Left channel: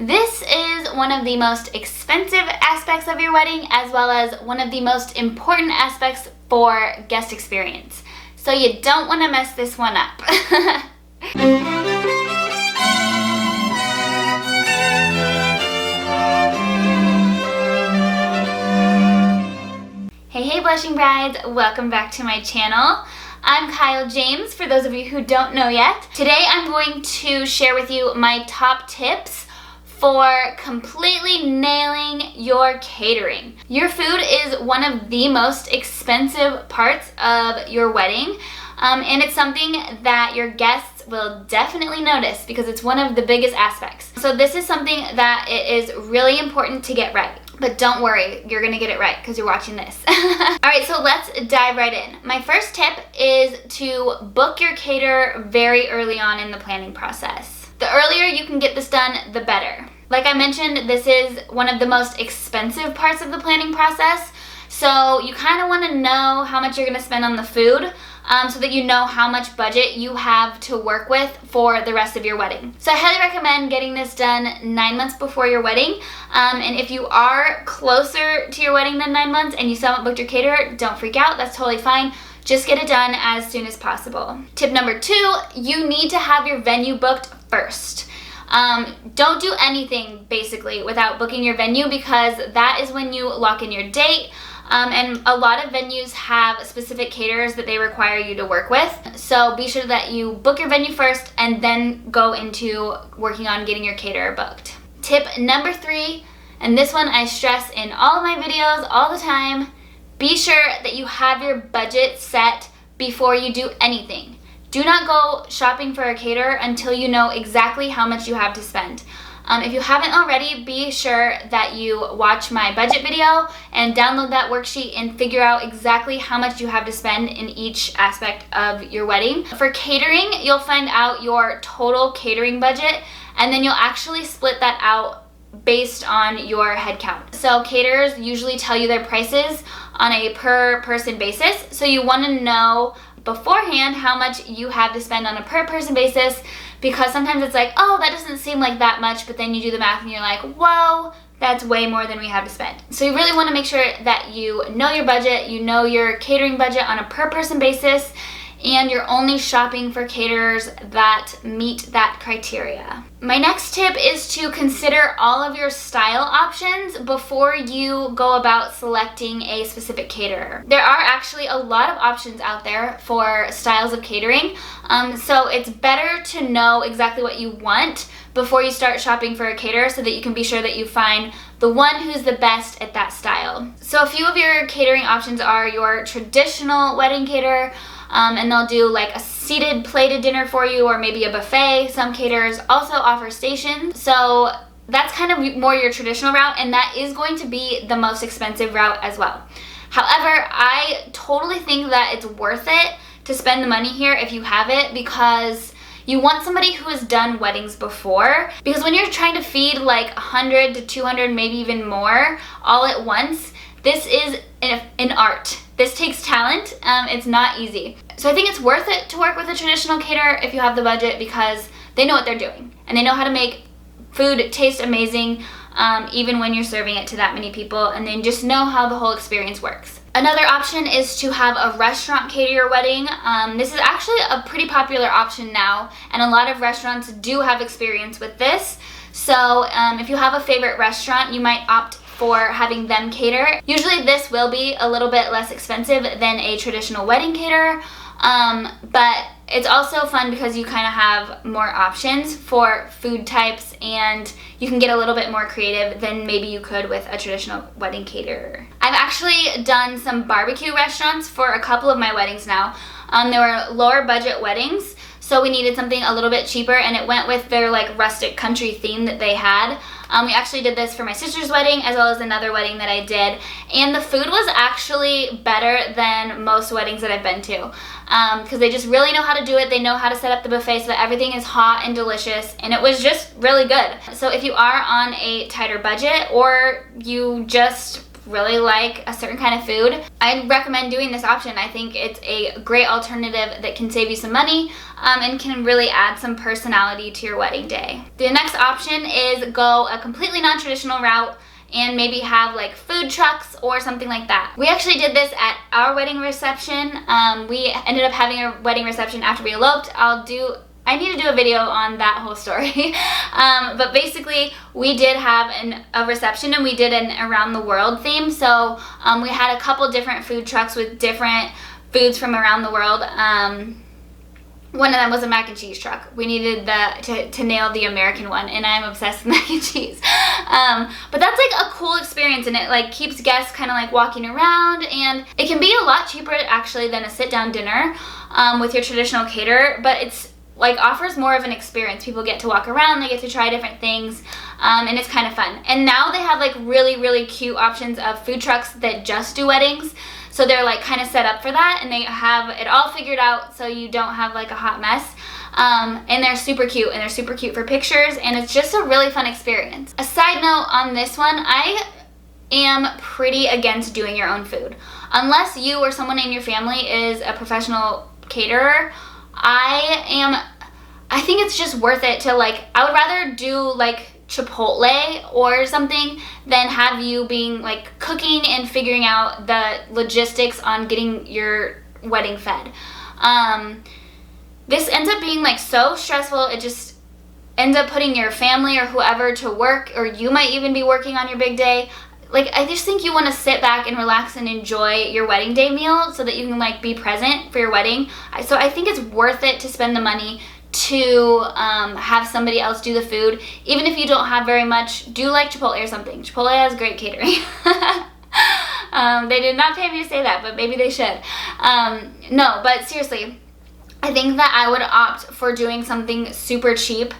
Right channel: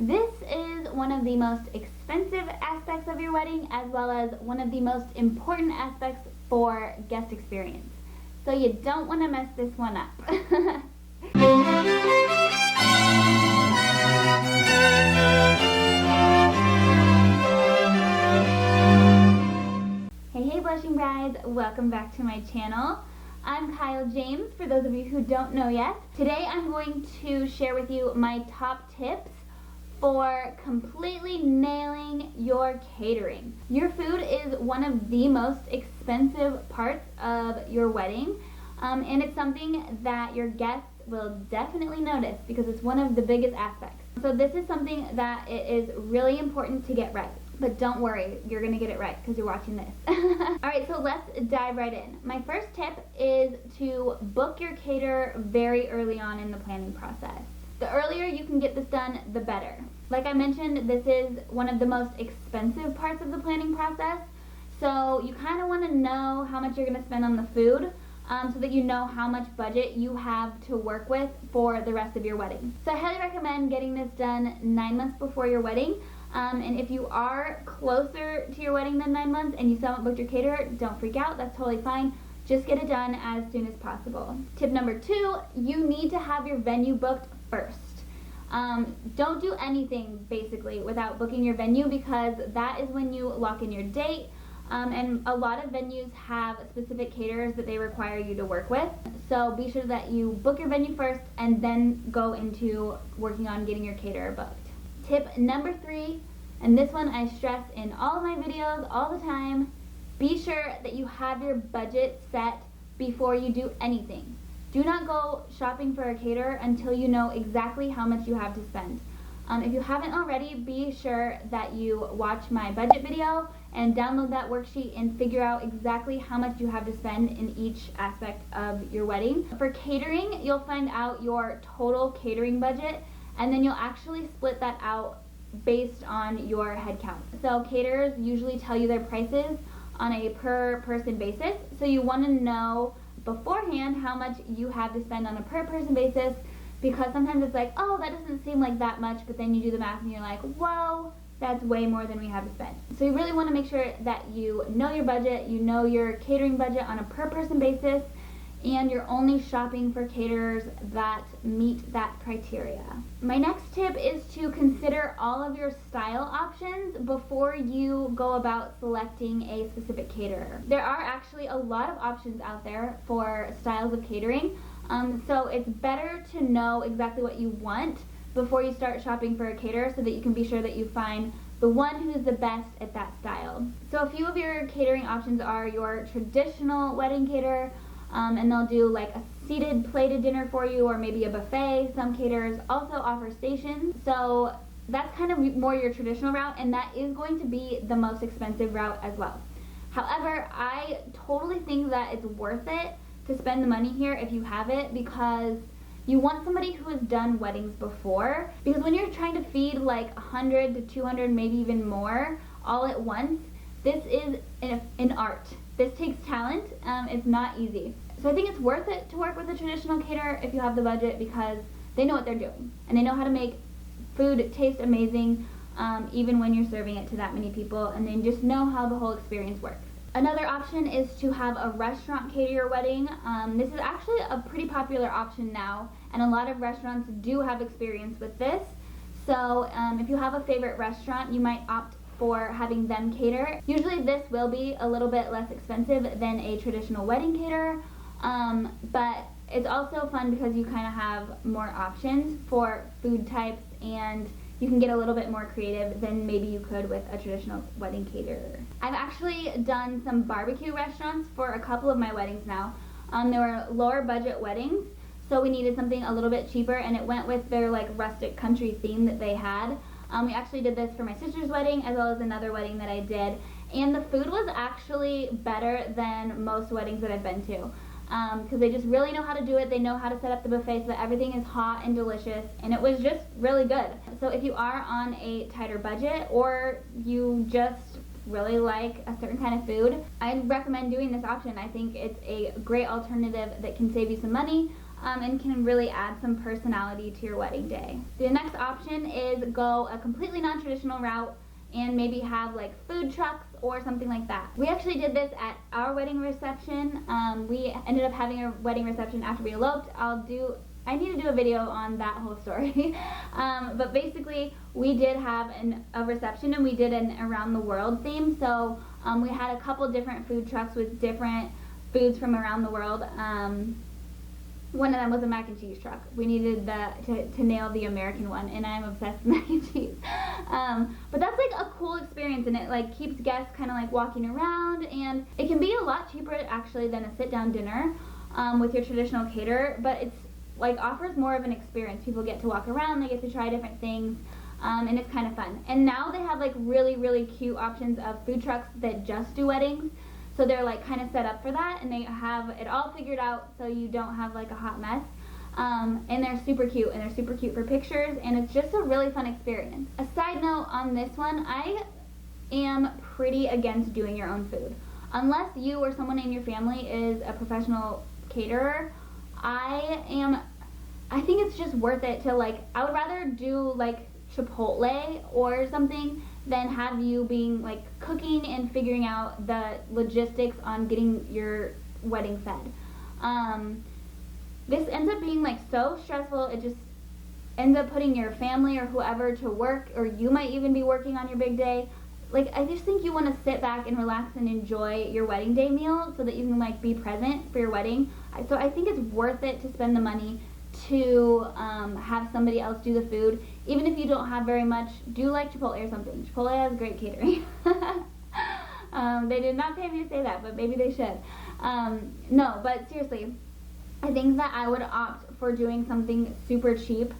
This is one of the most expensive aspects of your wedding, as well as one of the most important aspects for guest experience. So you don't want to mess this one up. Hey blushing brides, welcome back to my channel. I'm Kyle James, for those of you who don't know yet. Today I'm going to share with you my top tips for completely nailing your catering. Your food is one of the most expensive parts of your wedding, and it's something that your guests will definitely notice because it's one of the biggest aspects. So this is something that it is really important to get right. But don't worry, you're gonna get it right because you're watching this. Alright, so let's dive right in. My first tip is to book your caterer very early on in the planning process. The earlier you can get this done, the better. Like I mentioned, this is one of the most expensive parts of the planning process, so you kind of want to know how much you're going to spend on the food so that you know how much budget you have to work with for the rest of your wedding. So I highly recommend getting this done 9 months before your wedding, and if you are closer to your wedding than 9 months and you still haven't booked your caterer, don't freak out, that's totally fine. Just get it done as soon as possible. Tip number 2, you need to have your venue booked first. Don't do anything basically without booking your venue because that is when you lock in your date. And a lot of venues have specific caterers that they require you to work with. So be sure that you book your venue first and then go into working on getting your caterer booked. Tip number 3, and this one I stress in all of my videos all the time, be sure that you have your budget set before you do anything. Do not go shopping for a caterer until you know exactly how much you have to spend. If you haven't already, be sure that you watch my budget video and download that worksheet and figure out exactly how much you have to spend in each aspect of your wedding. For catering, you'll find out your total catering budget and then you'll actually split that out based on your head count. So caterers usually tell you their prices on a per person basis, so you want to know beforehand how much you have to spend on a per person basis, because sometimes it's like, oh, that doesn't seem like that much, but then you do the math and you're like, whoa, that's way more than we have to spend. So you really want to make sure that you know your budget, you know your catering budget on a per person basis, and you're only shopping for caterers that meet that criteria. My next tip is to consider all of your style options before you go about selecting a specific caterer. There are actually a lot of options out there for styles of catering, so it's better to know exactly what you want before you start shopping for a caterer so that you can be sure that you find the one who's the best at that style. So a few of your catering options are your traditional wedding caterer, and they'll do like a seated plated dinner for you or maybe a buffet. Some caterers also offer stations. So that's kind of more your traditional route, and that is going to be the most expensive route as well. However, I totally think that it's worth it to spend the money here if you have it, because you want somebody who has done weddings before, because when you're trying to feed like 100 to 200, maybe even more all at once, this is an art. This takes talent. It's not easy. So I think it's worth it to work with a traditional caterer if you have the budget, because they know what they're doing and they know how to make food taste amazing, even when you're serving it to that many people, and they just know how the whole experience works. Another option is to have a restaurant cater your wedding. This is actually a pretty popular option now, and a lot of restaurants do have experience with this. So if you have a favorite restaurant, you might opt for having them cater. Usually this will be a little bit less expensive than a traditional wedding caterer, but it's also fun because you kind of have more options for food types and you can get a little bit more creative than maybe you could with a traditional wedding caterer. I've actually done some barbecue restaurants for a couple of my weddings now. There were lower budget weddings, so we needed something a little bit cheaper, and it went with their like rustic country theme that they had. We actually did this for my sister's wedding as well as another wedding that I did, and the food was actually better than most weddings that I've been to, because they just really know how to do it. They know how to set up the buffet so that everything is hot and delicious, and it was just really good. So if you are on a tighter budget, or you just really like a certain kind of food, I'd recommend doing this option. I think it's a great alternative that can save you some money and can really add some personality to your wedding day. The next option is go a completely non-traditional route and maybe have like food trucks or something like that. We actually did this at our wedding reception. We ended up having a wedding reception after we eloped. I need to do a video on that whole story. But basically, we did have a reception and we did an around the world theme. So we had a couple different food trucks with different foods from around the world. One of them was a mac and cheese truck. We needed to nail the American one, and I'm obsessed with mac and cheese. But that's like a cool experience, and it like keeps guests kind of like walking around, and it can be a lot cheaper actually than a sit-down dinner with your traditional caterer, but it's like offers more of an experience. People get to walk around, they get to try different things, and it's kind of fun. And now they have like really, really cute options of food trucks that just do weddings. So they're like kind of set up for that, and they have it all figured out so you don't have like a hot mess. And they're super cute, and they're super cute for pictures, and it's just a really fun experience. A side note on this one, I am pretty against doing your own food. Unless you or someone in your family is a professional caterer, I think it's just worth it to like, I would rather do like Chipotle or something than have you being like cooking and figuring out the logistics on getting your wedding fed. This ends up being like so stressful. It just ends up putting your family or whoever to work, or you might even be working on your big day. Like, I just think you want to sit back and relax and enjoy your wedding day meal so that you can like be present for your wedding. So I think it's worth it to spend the money to have somebody else do the food. Even if you don't have very much, do like Chipotle or something. Chipotle has great catering. They did not pay me to say that, but maybe they should. No, but seriously, I think that I would opt for doing something super cheap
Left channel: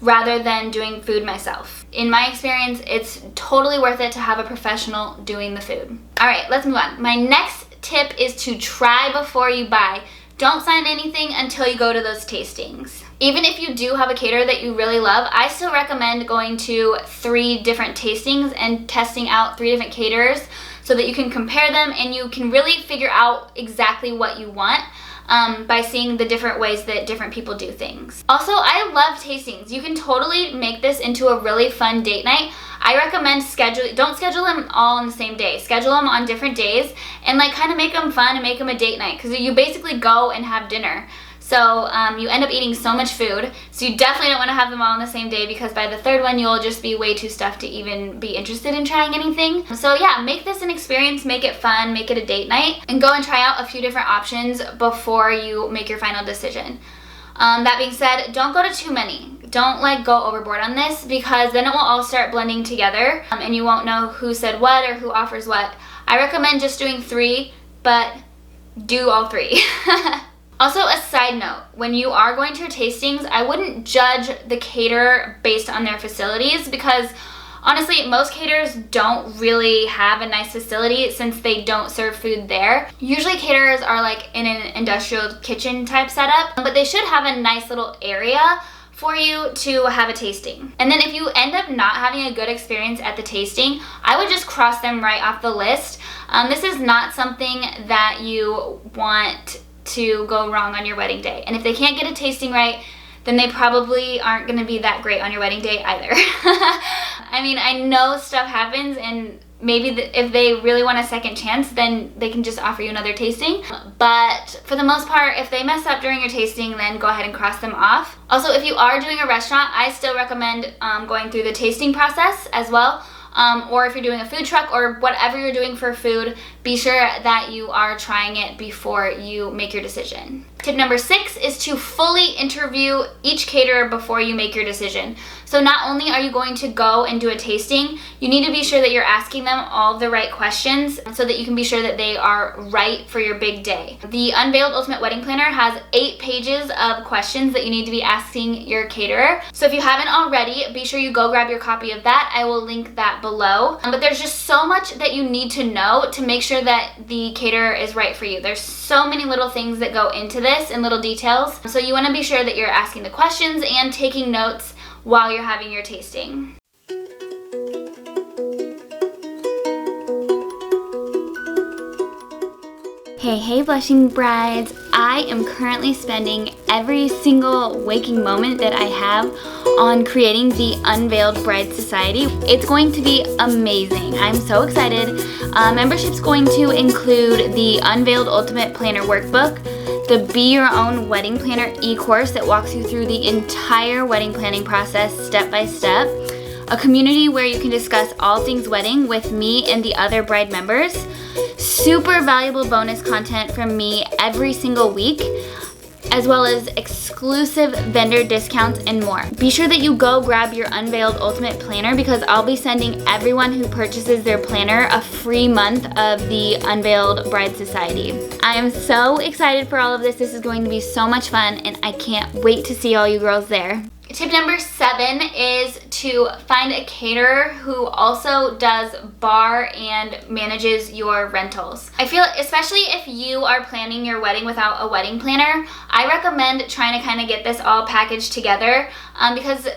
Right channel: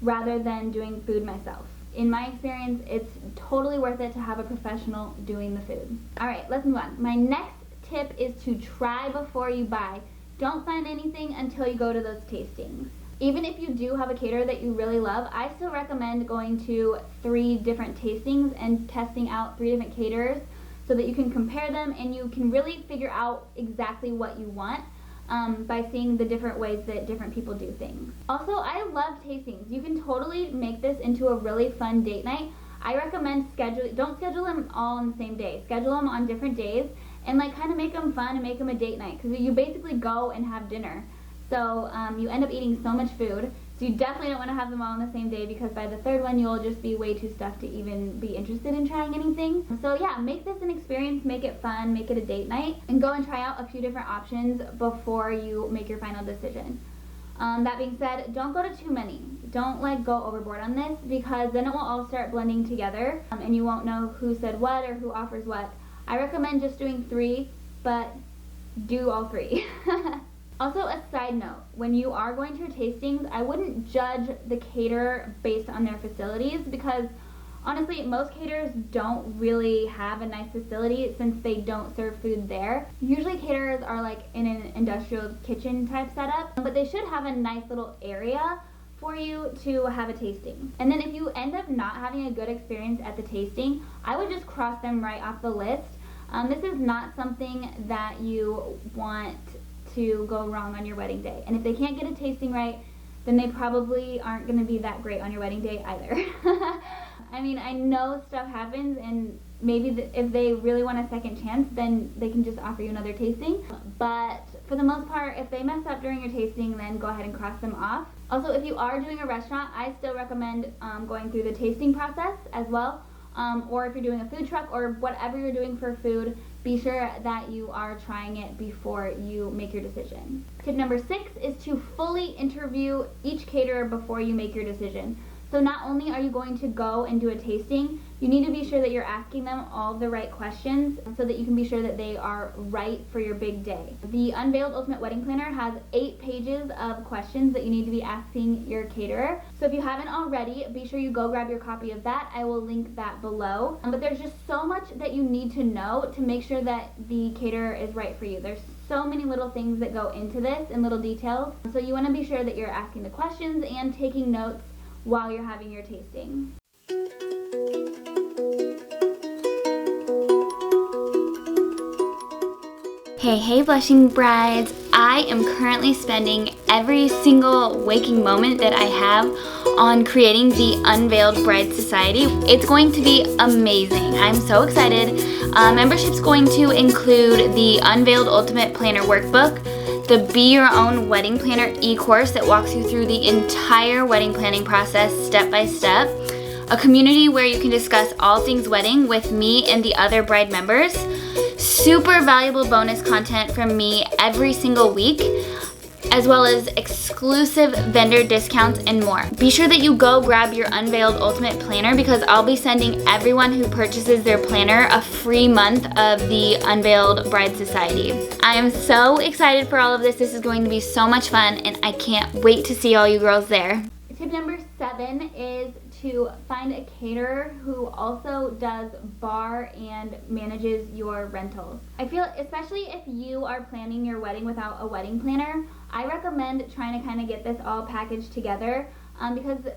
rather than doing food myself. In my experience, it's totally worth it to have a professional doing the food. All right, let's move on. My next tip is to try before you buy. Don't sign anything until you go to those tastings. Even if you do have a caterer that you really love, I still recommend going to 3 different tastings and testing out 3 different caterers so that you can compare them and you can really figure out exactly what you want by seeing the different ways that different people do things. Also, I love tastings. You can totally make this into a really fun date night. I recommend don't schedule them all on the same day. Schedule them on different days and like kind of make them fun and make them a date night, because you basically go and have dinner. So you end up eating so much food. So you definitely don't want to have them all on the same day, because by the 3rd one you'll just be way too stuffed to even be interested in trying anything. So yeah, make this an experience, make it fun, make it a date night, and go and try out a few different options before you make your final decision. That being said, don't go to too many. Don't like go overboard on this, because then it will all start blending together and you won't know who said what or who offers what. I recommend just doing 3, but do all 3. Also, a side note, when you are going to your tastings, I wouldn't judge the caterer based on their facilities, because honestly, most caterers don't really have a nice facility since they don't serve food there. Usually caterers are like in an industrial kitchen type setup, but they should have a nice little area for you to have a tasting. And then if you end up not having a good experience at the tasting, I would just cross them right off the list. This is not something that you want to go wrong on your wedding day. And if they can't get a tasting right, then they probably aren't going to be that great on your wedding day either. I mean, I know stuff happens, and maybe if they really want a second chance, then they can just offer you another tasting. But for the most part, if they mess up during your tasting, then go ahead and cross them off. Also, if you are doing a restaurant, I still recommend going through the tasting process as well. Or if you're doing a food truck or whatever you're doing for food, be sure that you are trying it before you make your decision. Tip number 6 is to fully interview each caterer before you make your decision. So not only are you going to go and do a tasting, you need to be sure that you're asking them all the right questions so that you can be sure that they are right for your big day. The Unveiled Ultimate Wedding Planner has 8 pages of questions that you need to be asking your caterer. So if you haven't already, be sure you go grab your copy of that. I will link that below. But there's just so much that you need to know to make sure that the caterer is right for you. There's so many little things that go into this and little details. So you want to be sure that you're asking the questions and taking notes while you're having your tasting. Hey blushing brides, I am currently spending every single waking moment that I have on creating the Unveiled Bride Society. It's going to be amazing. I'm so excited. Membership's going to include the Unveiled Ultimate Planner Workbook, the Be Your Own Wedding Planner e-course that walks you through the entire wedding planning process step by step, a community where you can discuss all things wedding with me and the other bride members, super valuable bonus content from me every single week, as well as exclusive vendor discounts and more. Be sure that you go grab your Unveiled Ultimate Planner because I'll be sending everyone who purchases their planner a free month of the Unveiled Bride Society. I am so excited for all of this. This is going to be so much fun and I can't wait to see all you girls there. Tip number 7 is to find a caterer who also does bar and manages your rentals. I feel, especially if you are planning your wedding without a wedding planner, I recommend trying to kind of get this all packaged together because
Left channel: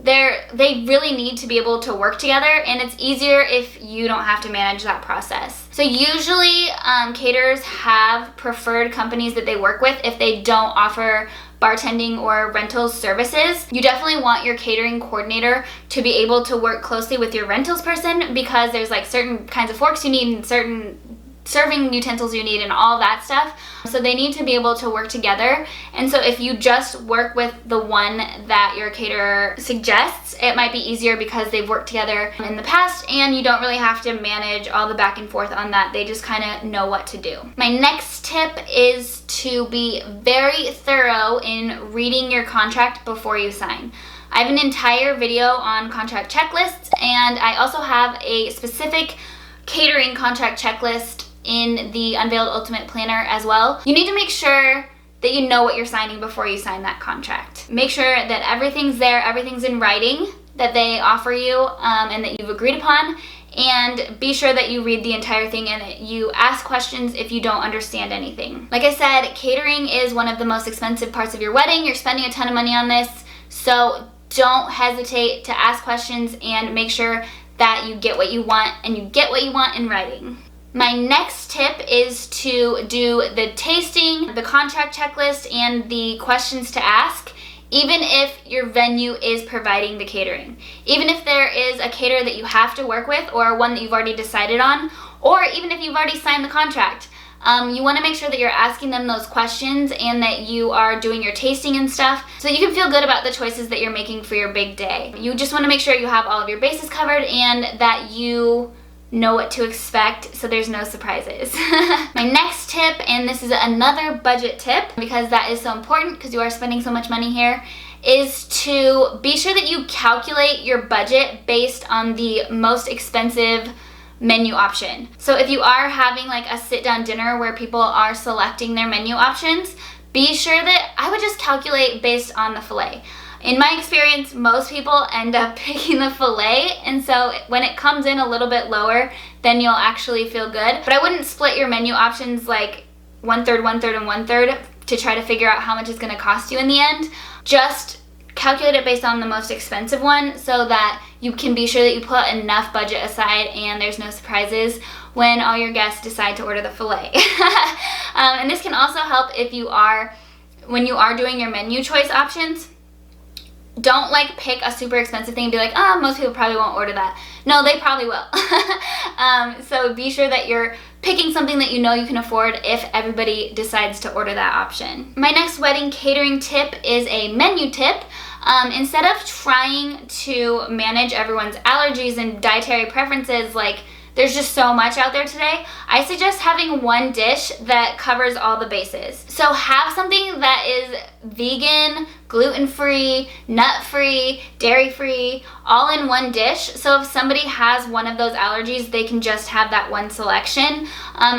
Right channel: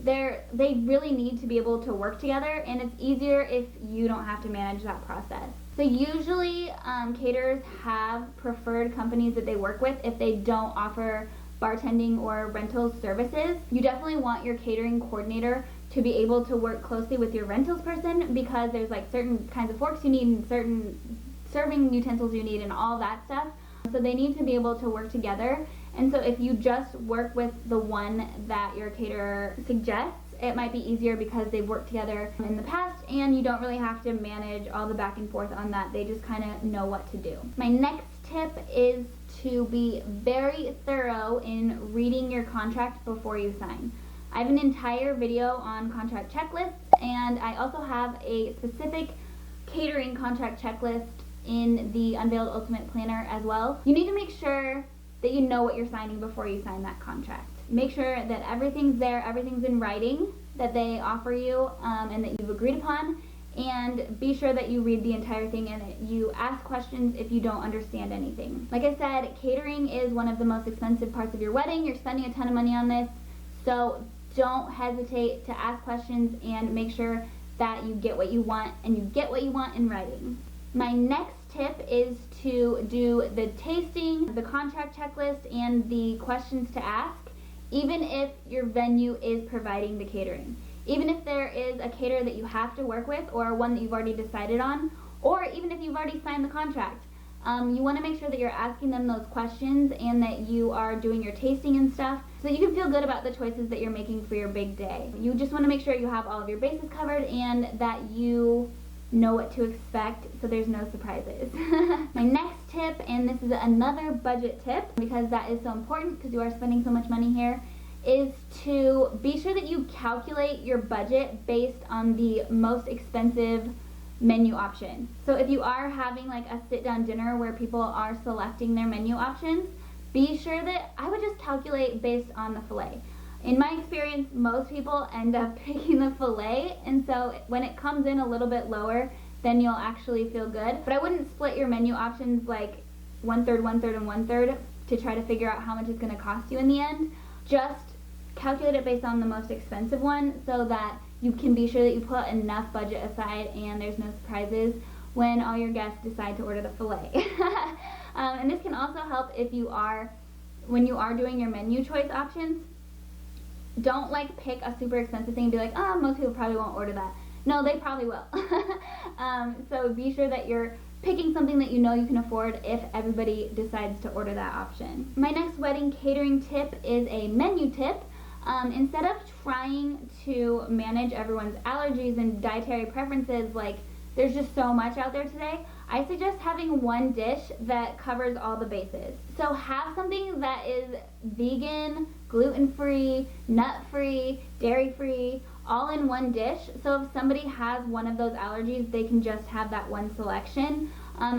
they really need to be able to work together, and it's easier if you don't have to manage that process. So usually caterers have preferred companies that they work with if they don't offer bartending or rentals services. You definitely want your catering coordinator to be able to work closely with your rentals person because there's like certain kinds of forks you need and certain serving utensils you need and all that stuff. So they need to be able to work together. And so if you just work with the one that your caterer suggests, it might be easier because they've worked together in the past and you don't really have to manage all the back and forth on that. They just kind of know what to do. My next tip is to be very thorough in reading your contract before you sign. I have an entire video on contract checklists, and I also have a specific catering contract checklist in the Unveiled Ultimate Planner as well. You need to make sure that you know what you're signing before you sign that contract. Make sure that everything's there, everything's in writing that they offer you and that you've agreed upon, and be sure that you read the entire thing and that you ask questions if you don't understand anything. Like I said, catering is one of the most expensive parts of your wedding. You're spending a ton of money on this, so don't hesitate to ask questions and make sure that you get what you want, and you get what you want in writing. My next tip is to do the tasting, the contract checklist, and the questions to ask, even if your venue is providing the catering. Even if there is a caterer that you have to work with or one that you've already decided on, or even if you've already signed the contract, you want to make sure that you're asking them those questions and that you are doing your tasting and stuff so that you can feel good about the choices that you're making for your big day. You just want to make sure you have all of your bases covered and that you know what to expect so there's no surprises. My next tip, and this is another budget tip because that is so important because you are spending so much money here, is to be sure that you calculate your budget based on the most expensive menu option. So if you are having like a sit-down dinner where people are selecting their menu options, be sure that I would just calculate based on the filet. In my experience, most people end up picking the filet, and so when it comes in a little bit lower, then you'll actually feel good. But I wouldn't split your menu options like 1/3, 1/3, and 1/3 to try to figure out how much it's going to cost you in the end. Just calculate it based on the most expensive one so that you can be sure that you put enough budget aside and there's no surprises when all your guests decide to order the filet. And this can also help if you are, when you are doing your menu choice options, don't like pick a super expensive thing and be like, oh, most people probably won't order that. No, they probably will. So be sure that you're picking something that you know you can afford if everybody decides to order that option. My next wedding catering tip is a menu tip. Instead of trying to manage everyone's allergies and dietary preferences, like there's just so much out there today, I suggest having one dish that covers all the bases. So have something that is vegan, gluten-free, nut-free, dairy-free, all in one dish. So if somebody has one of those allergies, they can just have that one selection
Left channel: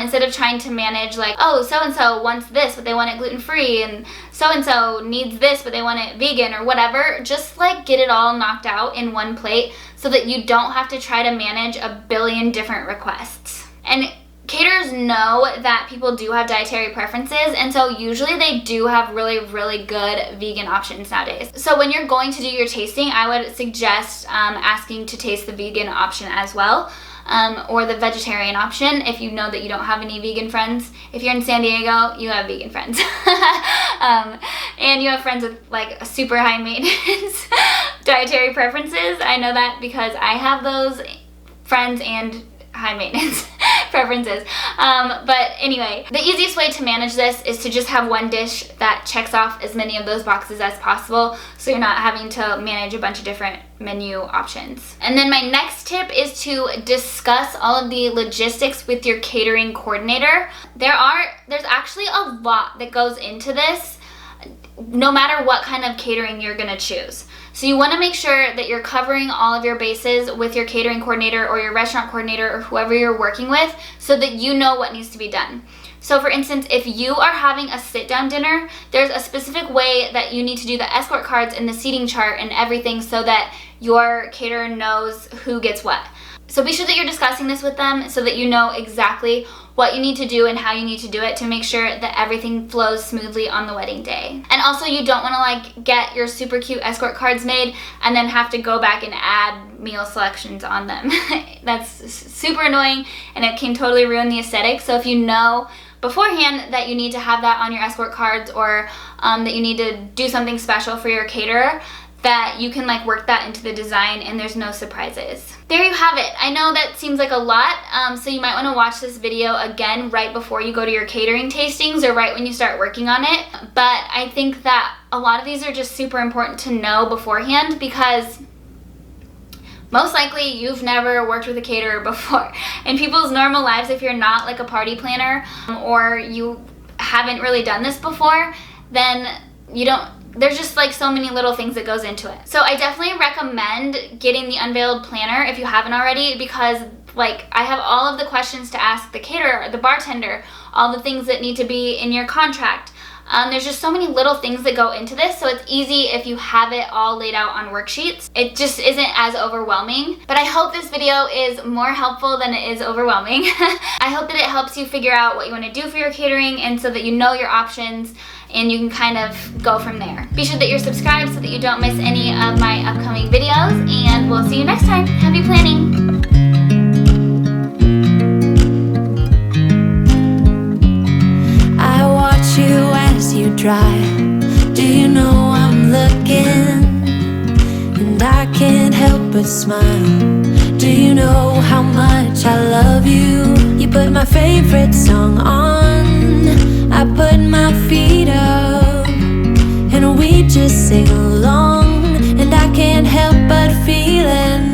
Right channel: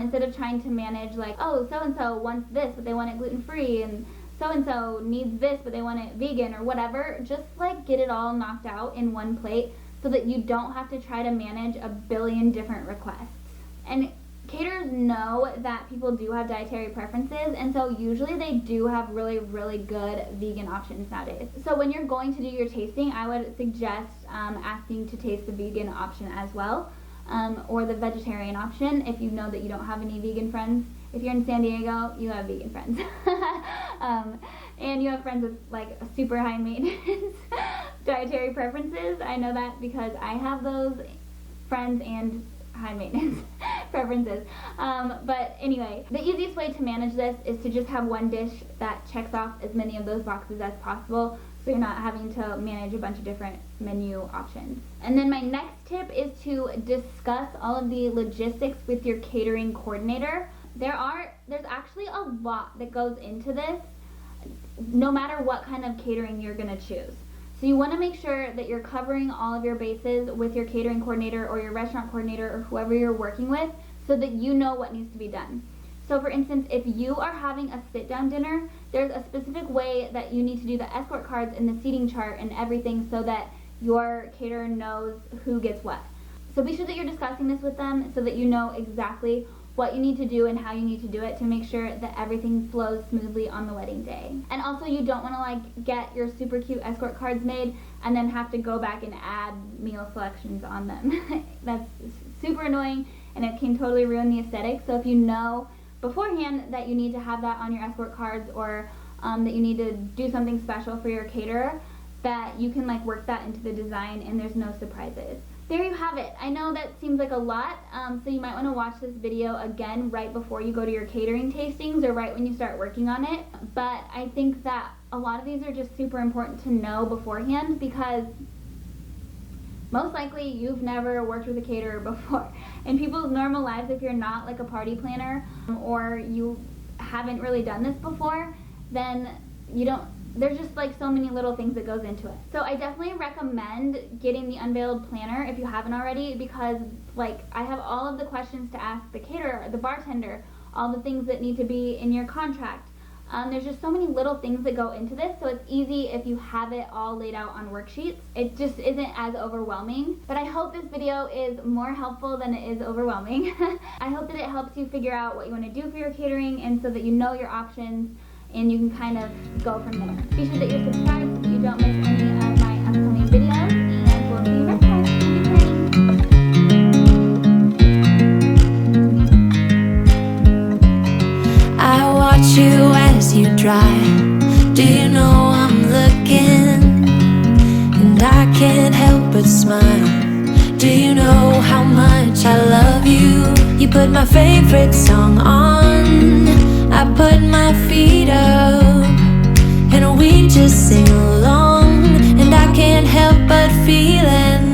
instead of trying to manage like, oh, so-and-so wants this, but they want it gluten-free, and so-and-so needs this, but they want it vegan or whatever. Just like get it all knocked out in one plate so that you don't have to try to manage a billion different requests. And caterers know that people do have dietary preferences, and so usually they do have really, really good vegan options nowadays. So when you're going to do your tasting, I would suggest asking to taste the vegan option as well. or the vegetarian option if you know that you don't have any vegan friends. If you're in San Diego, you have vegan friends. And you have friends with like super high maintenance dietary preferences. I know that because I have those friends and high maintenance preferences. But anyway, the easiest way to manage this is to just have one dish that checks off as many of those boxes as possible, so you're not having to manage a bunch of different menu options. And then my next tip is to discuss all of the logistics with your catering coordinator. There's actually a lot that goes into this, no matter what kind of catering you're gonna choose. So you want to make sure that you're covering all of your bases with your catering coordinator or your restaurant coordinator or whoever you're working with, so that you know what needs to be done. So for instance, if you are having a sit-down dinner, there's a specific way that you need to do the escort cards and the seating chart and everything so that your caterer knows who gets what. So be sure that you're discussing this with them so that you know exactly what you need to do and how you need to do it to make sure that everything flows smoothly on the wedding day. And also, you don't want to like get your super cute escort cards made and then have to go back and add meal selections on them. That's super annoying and it can totally ruin the aesthetic. So if you know beforehand that you need to have that on your escort cards, or that you need to do something special for your caterer, that you can like work that into the design and there's no surprises. There you have it. I know that seems like a lot, so you might want to watch this video again right before you go to your catering tastings or right when you start working on it. But I think that a lot of these are just super important to know beforehand, because most likely you've never worked with a caterer before. In people's normal lives, if you're not like a party planner or you haven't really done this before, then there's just like so many little things that goes into it. So I definitely recommend getting the Unveiled Planner if you haven't already, because like I have all of the questions to ask the caterer, the bartender, all the things that need to be in your contract. There's just so many little things that go into this, so it's easy if you have it all laid out on worksheets. It just isn't as overwhelming. But I hope this video is more helpful than it is overwhelming. I hope that it helps you figure out what you want to do for your catering, and so that you know your options and you can kind of go from there. Be sure that you're subscribed so that you don't miss any of my upcoming videos, and we'll see you next time. Happy planning! You as you drive, do you know I'm looking? And I can't help but smile. Do you know how much I love you? You put my favorite song on, I put my feet up, and we just sing along. And I can't help but feeling